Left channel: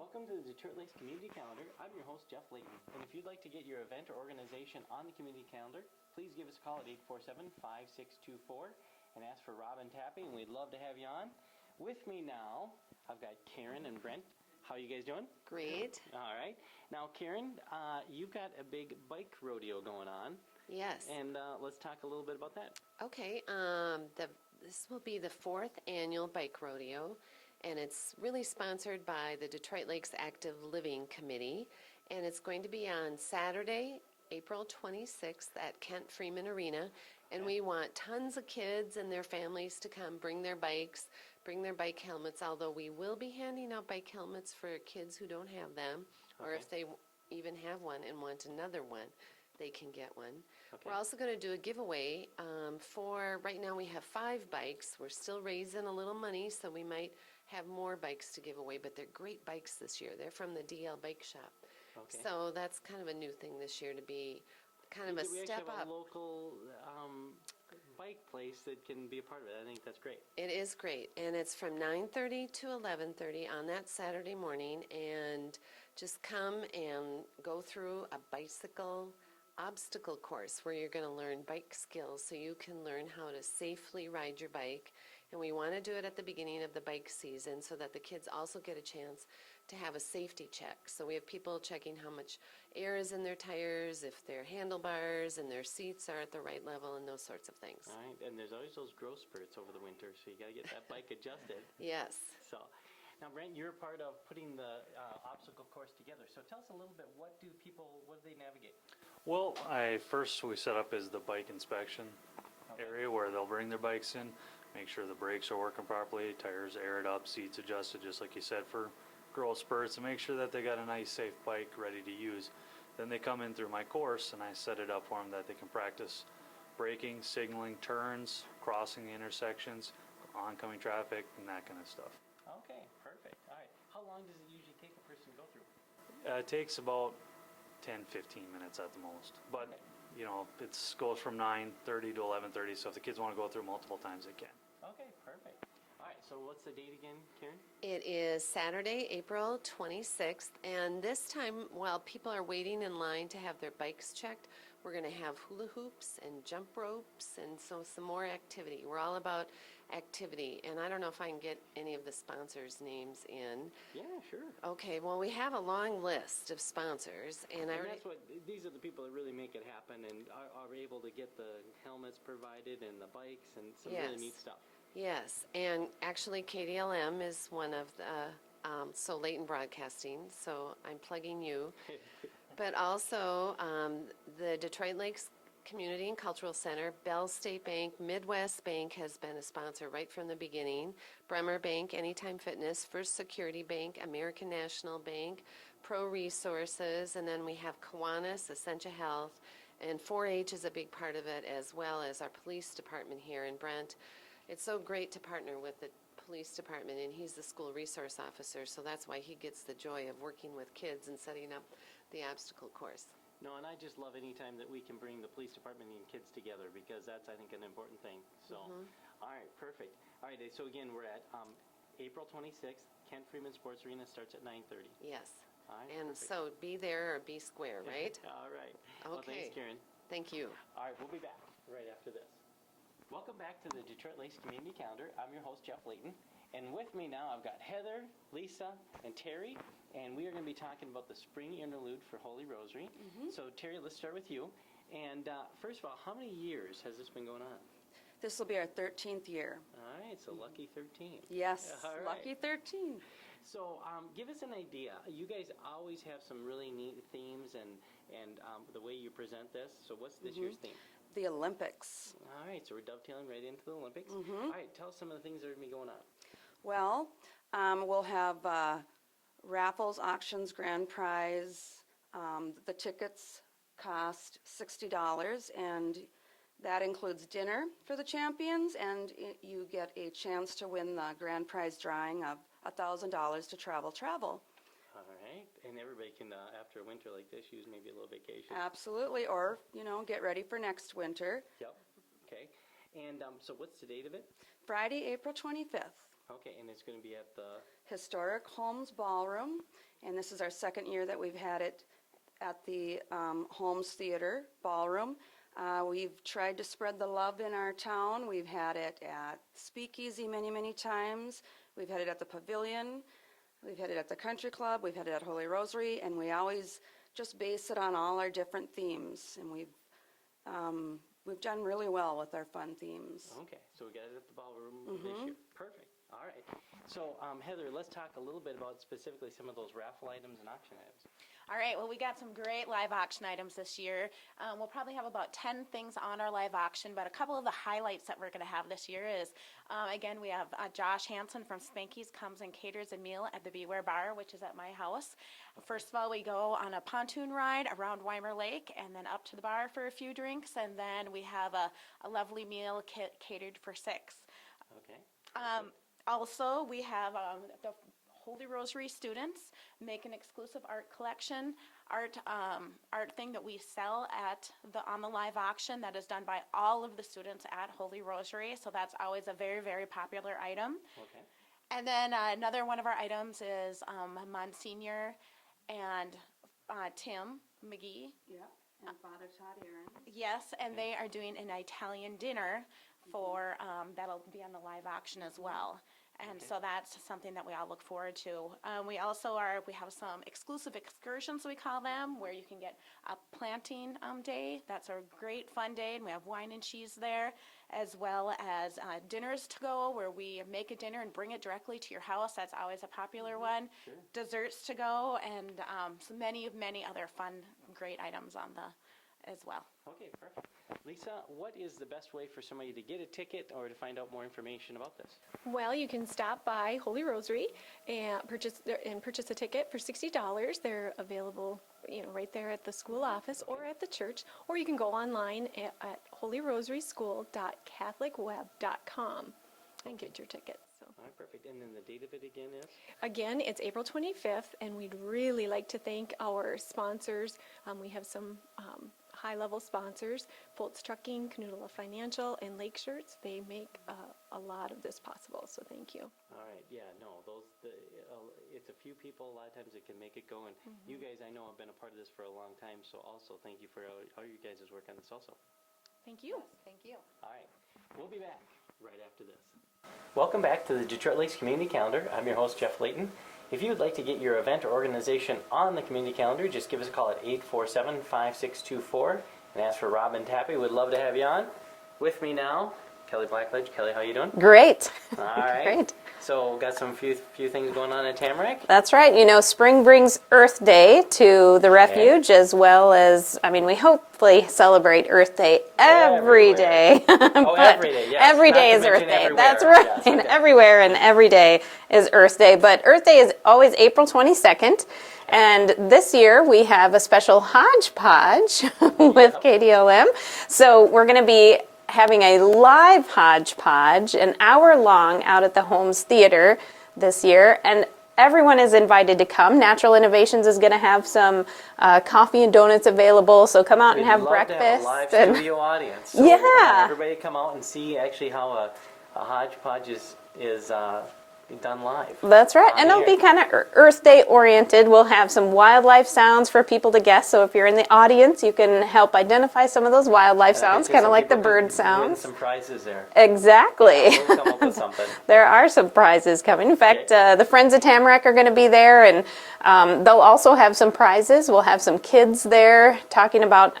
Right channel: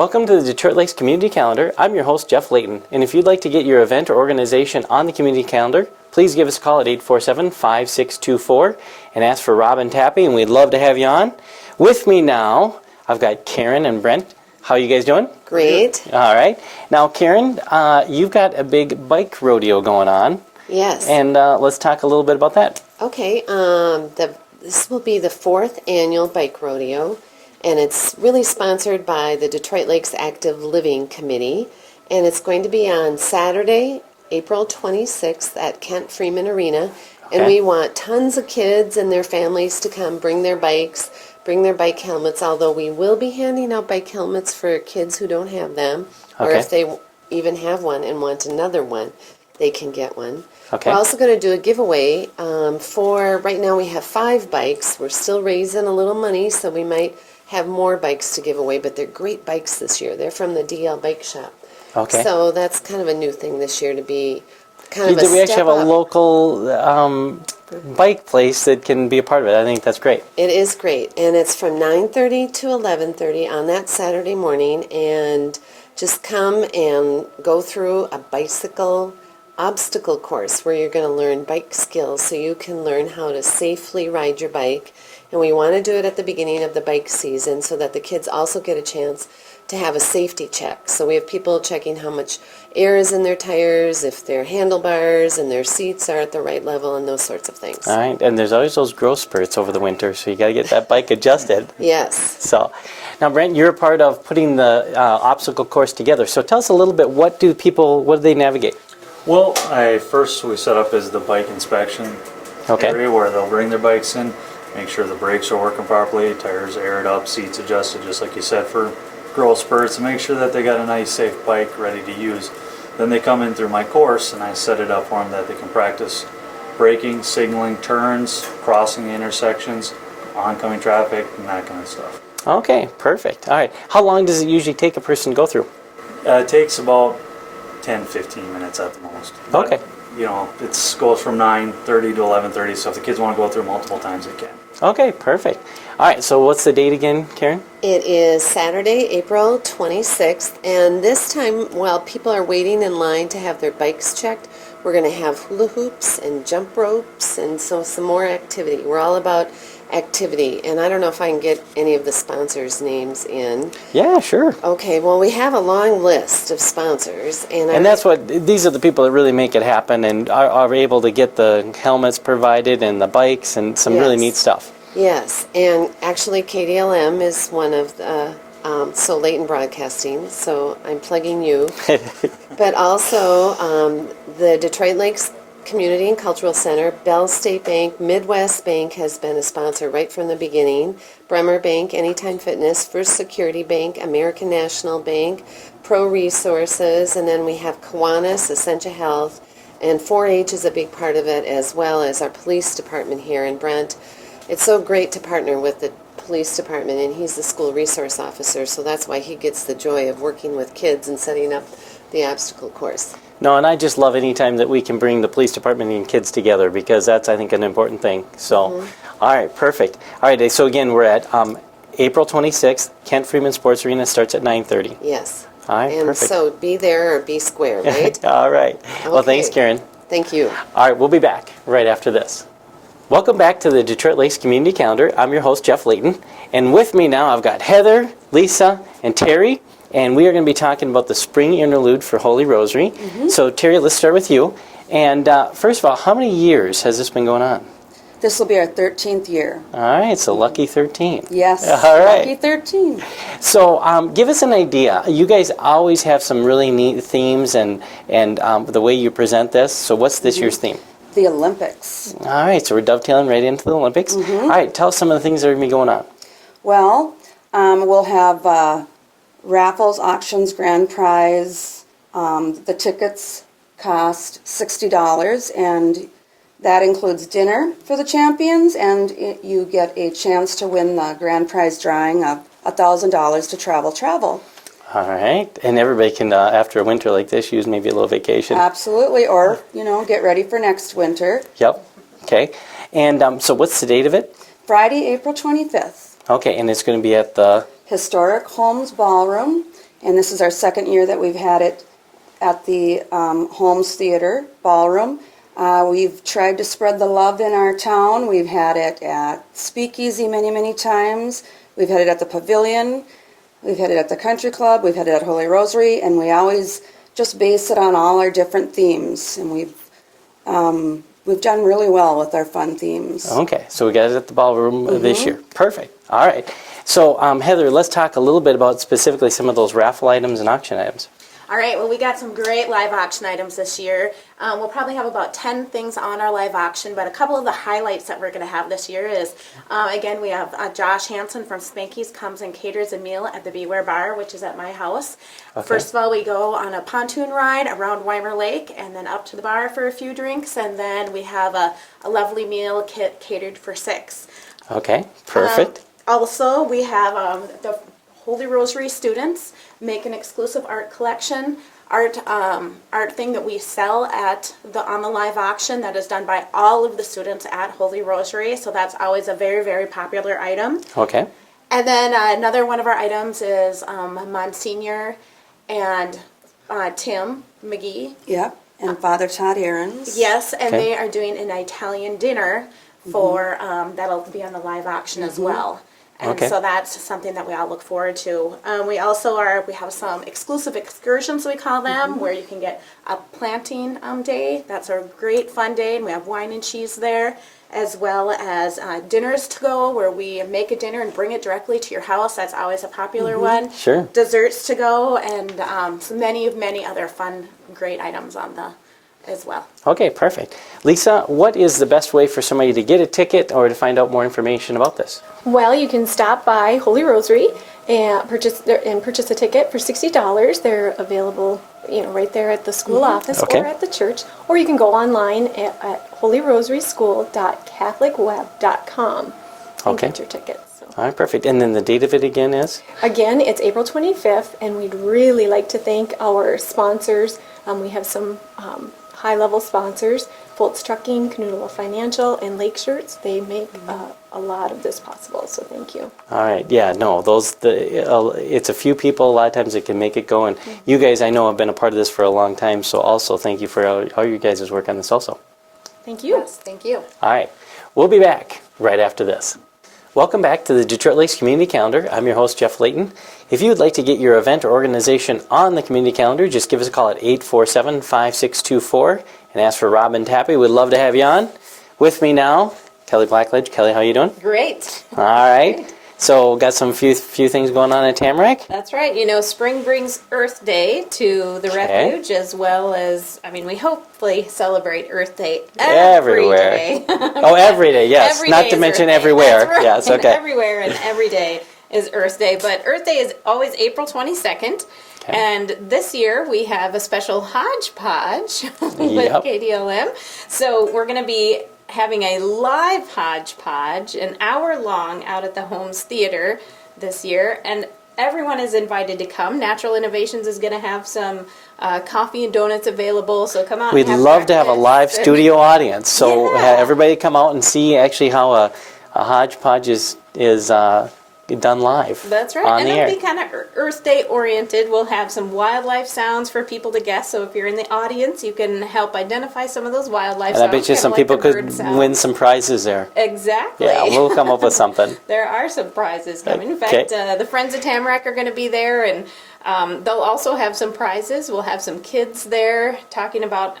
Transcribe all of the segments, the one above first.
Welcome to the Detroit Lakes Community Calendar. I'm your host, Jeff Layton, and if you'd like to get your event or organization on the community calendar, please give us a call at 847-5624 and ask for Robin Tappy, and we'd love to have you on. With me now, I've got Karen and Brent. How are you guys doing? Great. All right. Now, Karen, you've got a big bike rodeo going on. Yes. And let's talk a little bit about that. Okay. This will be the 4th annual bike rodeo, and it's really sponsored by the Detroit Lakes Active Living Committee, and it's going to be on Saturday, April 26th at Kent Freeman Arena. Okay. And we want tons of kids and their families to come, bring their bikes, bring their bike helmets, although we will be handing out bike helmets for kids who don't have them, or if they even have one and want another one, they can get one. Okay. We're also going to do a giveaway right now we have 5 bikes. We're still raising a little money, so we might have more bikes to give away, but they're great bikes this year. They're from the DL Bike Shop. Okay. So that's kind of a new thing this year to be kind of a step up. We actually have a local bike place that can be a part of it. I think that's great. It is great, and it's from 9:30 to 11:30 on that Saturday morning, and just come and go through a bicycle obstacle course where you're going to learn bike skills so you can learn how to safely ride your bike. And we want to do it at the beginning of the bike season so that the kids also get a chance to have a safety check. So we have people checking how much air is in their tires, if their handlebars and their seats are at the right level, and those sorts of things. All right, and there's always those growth spurts over the winter, so you got to get that bike adjusted. Yes. So, now Brent, you're a part of putting the obstacle course together. So tell us a little bit, what do they navigate? Well, we set up as the bike inspection area where they'll bring their bikes in, make sure the brakes are working properly, tires aired up, seats adjusted, just like you said, for growth spurts, and make sure that they got a nice, safe bike ready to use. Then they come in through my course, and I set it up for them that they can practice braking, signaling, turns, crossing the intersections, oncoming traffic, and that kind of stuff. Okay, perfect. All right. How long does it usually take a person to go through? It takes about 10-15 minutes at the most. But, okay. You know, it goes from 9:30 to 11:30, so if the kids want to go through multiple times, they can. Okay, perfect. All right, so what's the date again, Karen? It is Saturday, April 26th, and this time, while people are waiting in line to have their bikes checked, we're going to have hula hoops and jump ropes, and so some more activity. We're all about activity, and I don't know if I can get any of the sponsors' names in. Yeah, sure. Okay, well, we have a long list of sponsors, and these are the people that really make it happen and are able to get the helmets provided and the bikes and some really neat stuff. Yes, and actually KDLM is one of the, so Layton Broadcasting, so I'm plugging you, but also the Detroit Lakes Community and Cultural Center, Bell State Bank, Midwest Bank has been a sponsor right from the beginning, Bremer Bank, Anytime Fitness, First Security Bank, American National Bank, Pro Resources, and then we have Kiwanis, Essentia Health, and 4-H is a big part of it, as well as our police department here in Brent. It's so great to partner with the police department, and he's the school resource officer, so that's why he gets the joy of working with kids and setting up the obstacle course. No, and I just love any time that we can bring the police department and kids together, because that's, I think, an important thing. So, all right, perfect. All right, so again, we're at April 26th. Kent Freeman Sports Arena starts at 9:30. Yes. All right, and perfect. So be there or be square, right? All right. Okay. Well, thanks, Karen. Thank you. All right, we'll be back right after this. Welcome back to the Detroit Lakes Community Calendar. I'm your host, Jeff Layton, and with me now I've got Heather, Lisa, and Terry. And we are going to be talking about the spring interlude for Holy Rosary. So, Terry, let's start with you. And first of all, how many years has this been going on? This will be our 13th year. All right, so lucky 13. Yes, all right. Lucky 13. So, give us an idea. You guys always have some really neat themes and the way you present this. So, what's this year's theme? The Olympics. All right, so we're dovetailing right into the Olympics. All right, tell us some of the things that are going to be going on. Well, we'll have raffles, auctions, grand prize. The tickets cost $60, and that includes dinner for the champions, and you get a chance to win the grand prize drawing of $1,000 to travel. All right, and everybody can, after a winter like this, use maybe a little vacation. Absolutely, or, get ready for next winter. Yep, okay. And so what's the date of it? Friday, April 25th. Okay, and it's going to be at the Historic Holmes Ballroom and this is our second year that we've had it at the Holmes Theater Ballroom. We've tried to spread the love in our town. We've had it at Speakeasy many, many times. We've had it at the Pavilion. We've had it at the Country Club. We've had it at Holy Rosary, and we always just base it on all our different themes. And we've done really well with our fun themes. Okay, so we got it at the ballroom this year. Perfect. All right. So, Heather, let's talk a little bit about specifically some of those raffle items and auction items. All right, well, we got some great live auction items this year. We'll probably have about 10 things on our live auction, but a couple of the highlights that we're going to have this year is, again, we have Josh Hansen from Spanky's comes and caters a meal at the Beware Bar, which is at my house. Okay. First of all, we go on a pontoon ride around Weimer Lake and then up to the bar for a few drinks, and then we have a lovely meal catered for 6. Okay, perfect. Also, we have the Holy Rosary students make an exclusive art collection, art thing that we sell on the live auction that is done by all of the students at Holy Rosary. So that's always a very, very popular item. Okay. And then another one of our items is Monsignor and Tim McGee. Yep, and Father Todd Aarons. Yes, and Okay. they are doing an Italian dinner for that'll be on the live auction as well. And Okay. so that's something that we all look forward to. We have some exclusive excursions, we call them, where you can get a planting day. That's a great fun day, and we have wine and cheese there, as well as dinners to go, where we make a dinner and bring it directly to your house. That's always a popular one. Sure. Desserts to go, and so many other fun, great items on the as well. Okay, perfect. Lisa, what is the best way for somebody to get a ticket or to find out more information about this? Well, you can stop by Holy Rosary and purchase a ticket for $60. They're available, right there at the school office Okay. or at the church, or you can go online at holyrosaryschool.catholicweb.com and Okay. get your tickets. So. All right, perfect. And then the date of it again is? Again, it's April 25th, and we'd really like to thank our sponsors. We have some high-level sponsors: Foltz Trucking, Canoodle Financial, and Lake Shirts. They make a lot of this possible, so thank you. All right, yeah, no, it's a few people, a lot of times that can make it go, and you guys, I know, have been a part of this for a long time, so also thank you for all you guys' work on this also. Thank you. Yes, thank you. All right, we'll be back right after this. Welcome back to the Detroit Lakes Community Calendar. I'm your host, Jeff Layton. If you would like to get your event or organization on the community calendar, just give us a call at 847-5624 and ask for Robin Tappy. We'd love to have you on. With me now, Kelly Blackledge. Kelly, how you doing? Great. All right. Great. So got some few things going on in Tamarack. That's right. Spring brings Earth Day to the Refuge, as well as, we hopefully celebrate Earth Day every Everywhere. day. Oh, every day, yes. Every Not day to is mention Earth Day. everywhere. That's right. Yes, okay. Everywhere and every day is Earth Day. But Earth Day is always April 22nd. Okay. And this year we have a special hodgepodge with Yep. KDLM. So we're going to be having a live hodgepodge, an hour long, out at the Holmes Theater this year. And everyone is invited to come. Natural Innovations is going to have some coffee and donuts available, so come out We'd and have love to have a breakfast live and- studio audience. So Yeah. have everybody come out and see actually how a hodgepodge is done live. That's right, on and the it'll air. be kind of Earth Day oriented. We'll have some wildlife sounds for people to guess. So if you're in the audience, you can help identify some of those wildlife And I sounds. bet you kinda some like people the could bird sound. win some prizes there. Exactly. Yeah, we'll come up with something. There are some prizes coming. In fact, Okay. the Friends of Tamarack are going to be there, and they'll also have some prizes. We'll have some kids there talking about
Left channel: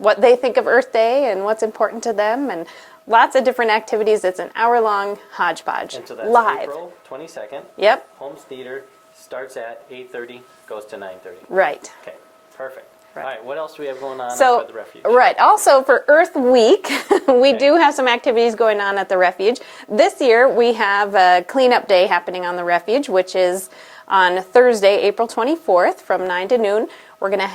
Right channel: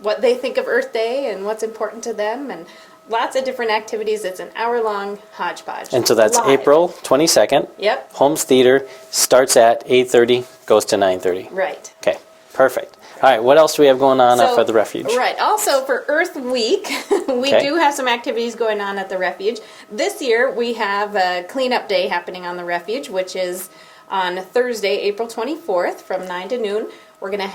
what they think of Earth Day and what's important to them, and lots of different activities. It's an hour-long hodgepodge. And so that's Live. April 22nd. Yep. Holmes Theater starts at 8:30, goes to 9:30. Right. Okay, perfect. All right, what else do we have going on for the Refuge? Right. Also, for Earth Week, we Okay. do have some activities going on at the Refuge. This year, we have a cleanup day happening on the Refuge, which is on Thursday, April 24th from 9 to noon. We're going to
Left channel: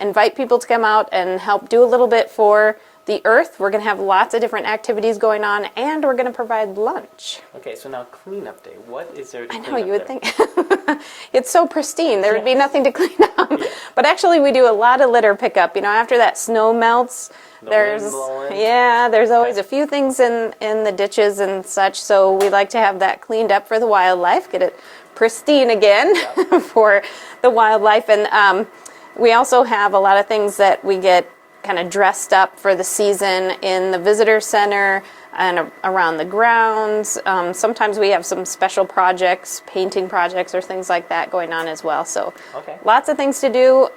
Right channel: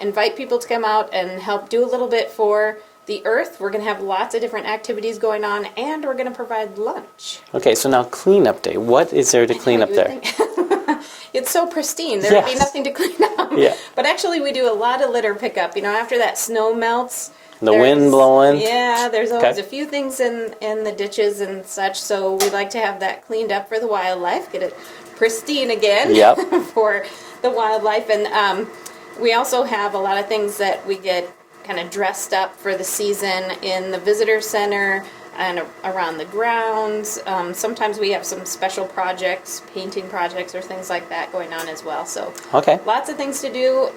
invite people to come out and help do a little bit for the Earth. We're going to have lots of different activities going on, and we're going to provide lunch. Okay, so now cleanup day. What is there to clean know, up you would there? think. It's so pristine. There would be Yes. nothing to clean up. Yeah. But actually, we do a lot of litter pickup. After that snow melts, The wind there's- blowing. Yeah, there's always Okay. a few things in the ditches and such. So we like to have that cleaned up for the wildlife. Get it pristine again Yep. for the wildlife. And we also have a lot of things that we get kind of dressed up for the season in the visitor center and around the grounds. Sometimes we have some special projects, painting projects or things like that going on as well. So lots of things to do.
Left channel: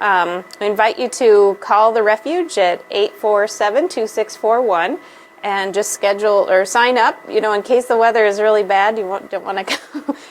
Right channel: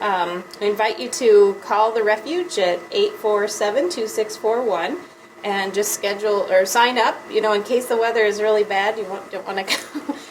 We invite you to call the Refuge at 847-2641 and just schedule or sign up, in case the weather is really bad. You don't want to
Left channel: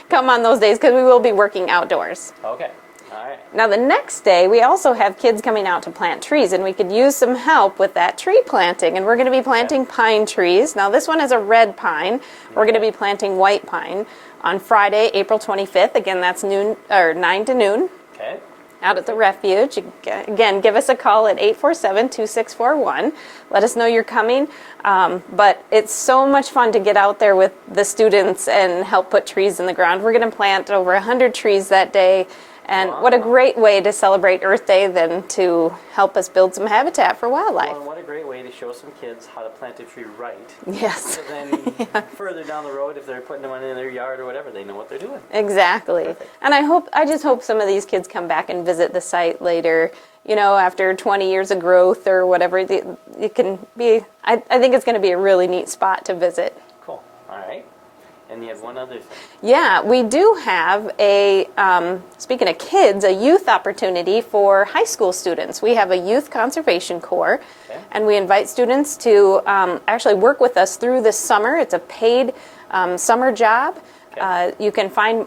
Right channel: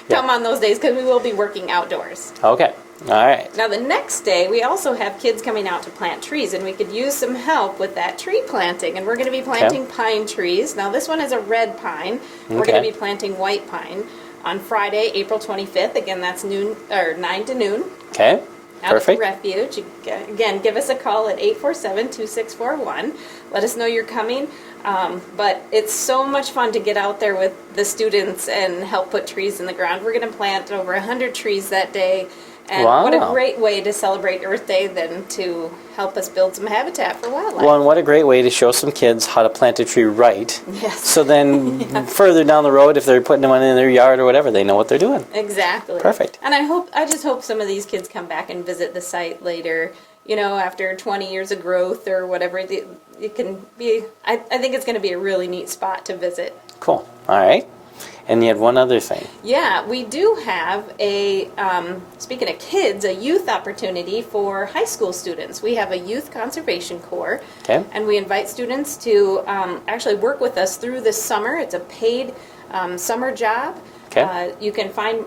come on those days because we will be working outdoors. Okay. All right. Now the next day, we also have kids coming out to plant trees, and we could use some help with that tree planting. And we're going to be planting pine trees. Now this one is a red pine. We're going to be planting white pine on Friday, April 25th. Again, that's 9 to noon. Okay. Out at the Refuge. Again, give us a call at 847-2641. Let us know you're coming. But it's so much fun to get out there with the students and help put trees in the ground. We're going to plant over 100 trees that day. And what a great way to celebrate Earth Day than to help us build some habitat for wildlife. Well, and what a great way to show some kids how to plant a tree right. Yes. So then further down the road, if they're putting one in their yard or whatever, they know what they're doing. Exactly. Perfect. And I just hope some of these kids come back and visit the site later, after 20 years of growth or whatever. It can be, I think it's going to be a really neat spot to visit. Cool. All right. And you had one other thing. Yeah, we do have speaking of kids, a youth opportunity for high school students. We have a youth conservation corps, and we invite students to actually work with us through this summer. It's a paid summer job. You can find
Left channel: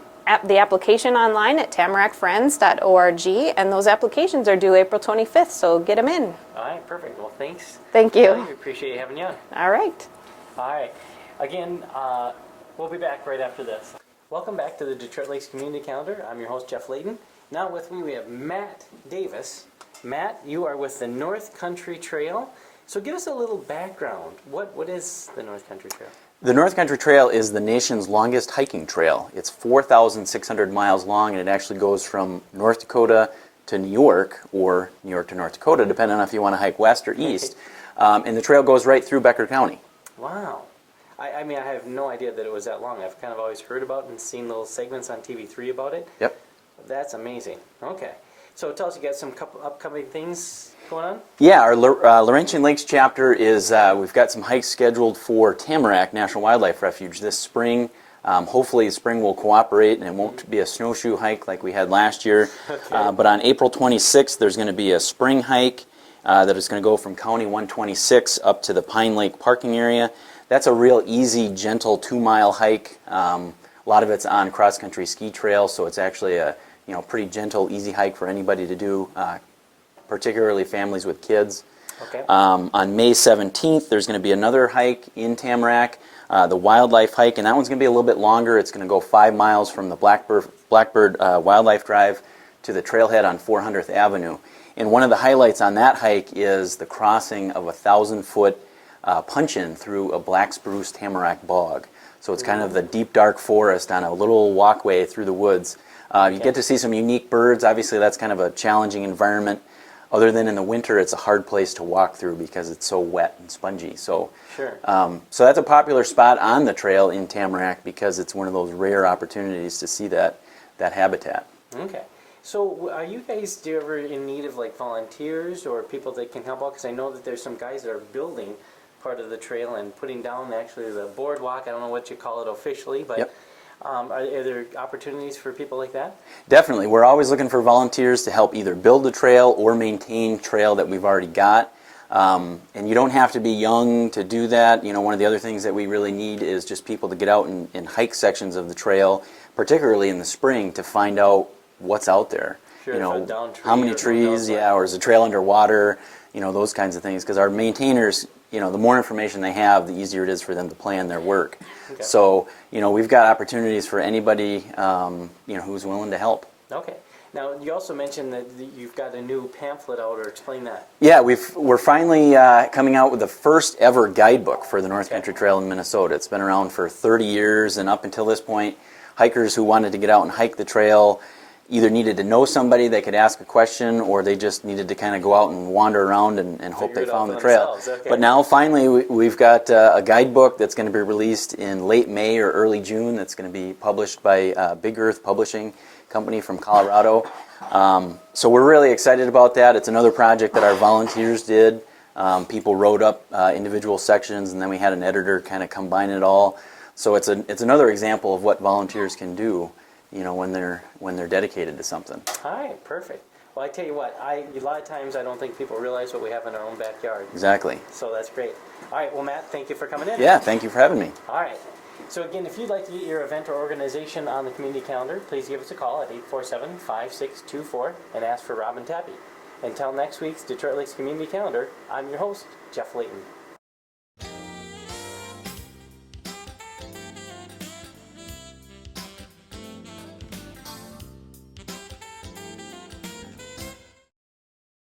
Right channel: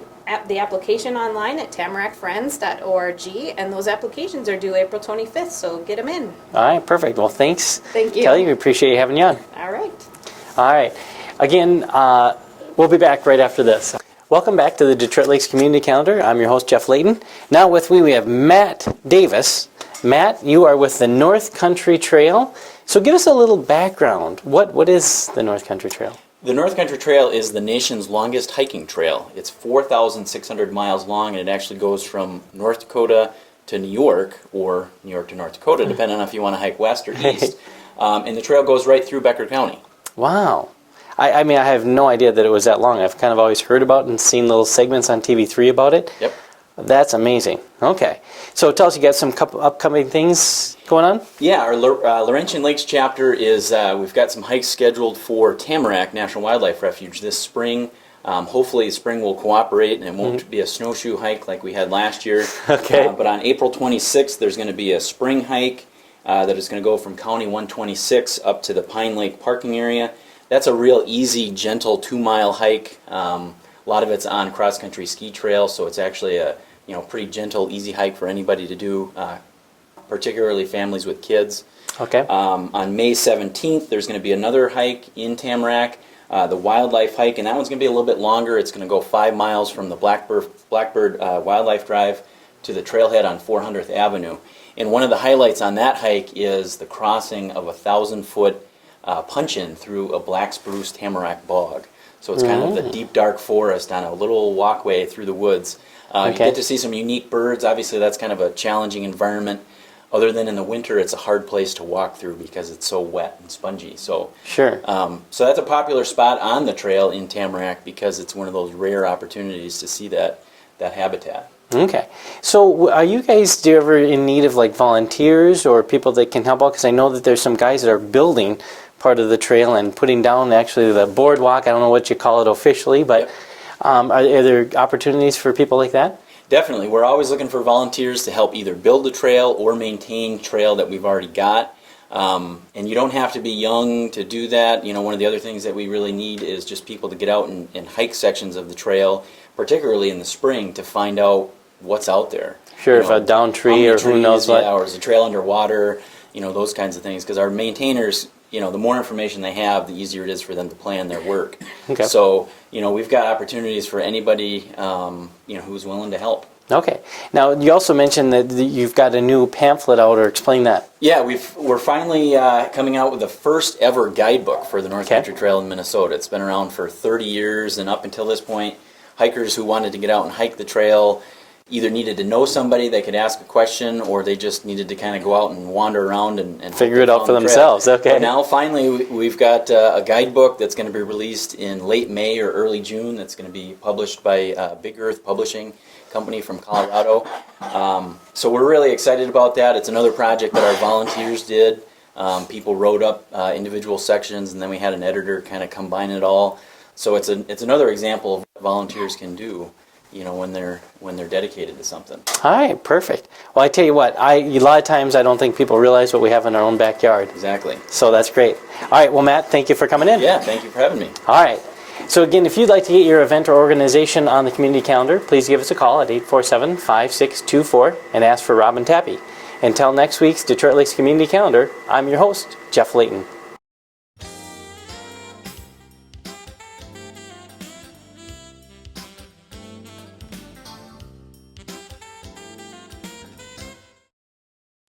the application online at tamarackfriends.org, and those applications are due April 25th, so get them in. All right, perfect. Well, thanks. Thank you. Kelly, we appreciate you having you on. All right. All right. Again, we'll be back right after this. Welcome back to the Detroit Lakes Community Calendar. I'm your host, Jeff Layton. Now with me, we have Matt Davis. Matt, you are with the North Country Trail. So give us a little background. What is the North Country Trail? The North Country Trail is the nation's longest hiking trail. It's 4,600 miles long, and it actually goes from North Dakota to New York, or New York to North Dakota, depending on if you want to hike west or east. And the trail goes right through Becker County. Wow. I mean, I have no idea that it was that long. I've kind of always heard about it and seen little segments on TV3 about it. Yep. That's amazing. Okay. So tell us, you got some upcoming things going on? Yeah, our Laurentian Lakes chapter is, we've got some hikes scheduled for Tamarack National Wildlife Refuge this spring. Hopefully spring will cooperate and it won't be a snowshoe hike like we had last year. Okay. But on April 26th, there's going to be a spring hike that is going to go from County 126 up to the Pine Lake parking area. That's a real easy, gentle 2-mile hike. A lot of it's on cross-country ski trail, so it's actually a pretty gentle, easy hike for anybody to do, particularly families with kids. Okay. On May 17th, there's going to be another hike in Tamarack, the Wildlife Hike, and that one's going to be a little bit longer. It's going to go 5 miles from the Blackbird Wildlife Drive to the trailhead on 400th Avenue. And one of the highlights on that hike is the crossing of a 1,000-foot punch-in through a black spruce tamarack bog. So it's kind of the deep, dark forest on a little walkway through the woods. You get to see some unique birds. Obviously, that's kind of a challenging environment. Other than in the winter, it's a hard place to walk through because it's so wet and spongy. So, sure. So that's a popular spot on the trail in Tamarack because it's one of those rare opportunities to see that habitat. Okay. So are you guys, do you ever in need of like volunteers or people that can help out? Because I know that there's some guys that are building part of the trail and putting down actually the boardwalk. I don't know what you call it officially, but are there opportunities for people like that? Definitely. We're always looking for volunteers to help either build the trail or maintain trail that we've already got. And you don't have to be young to do that. One of the other things that we really need is just people to get out and hike sections of the trail, particularly in the spring, to find out what's out there. Sure, if a down tree or who knows what. Or is the trail underwater, those kinds of things. Because our maintainers, the more information they have, the easier it is for them to plan their work. Okay. So, we've got opportunities for anybody, who's willing to help. Okay. Now, you also mentioned that you've got a new pamphlet out, or explain that. Yeah, we're finally coming out with the first ever guidebook for the North Country Trail in Minnesota. It's been around for 30 years, and up until this point, hikers who wanted to get out and hike the trail either needed to know somebody they could ask a question, or they just needed to kind of go out and wander around and hope Figure they it out found for the trail. themselves, okay. But now finally we've got a guidebook that's going to be released in late May or early June. That's going to be published by Big Earth Publishing Company from Colorado. So we're really excited about that. It's another project that our volunteers did. People wrote up individual sections, and then we had an editor kind of combine it all. So it's another example of what volunteers can do, when they're dedicated to something. All right, perfect. Well, I tell you what, a lot of times I don't think people realize what we have in our own backyard. Exactly. So that's great. All right, well, Matt, thank you for coming in. Yeah, thank you for having me. All right. So again, if you'd like to get your event or organization on the community calendar, please give us a call at 847-5624 and ask for Robin Tappy. Until next week's Detroit Lakes Community Calendar, I'm your host, Jeff Layton.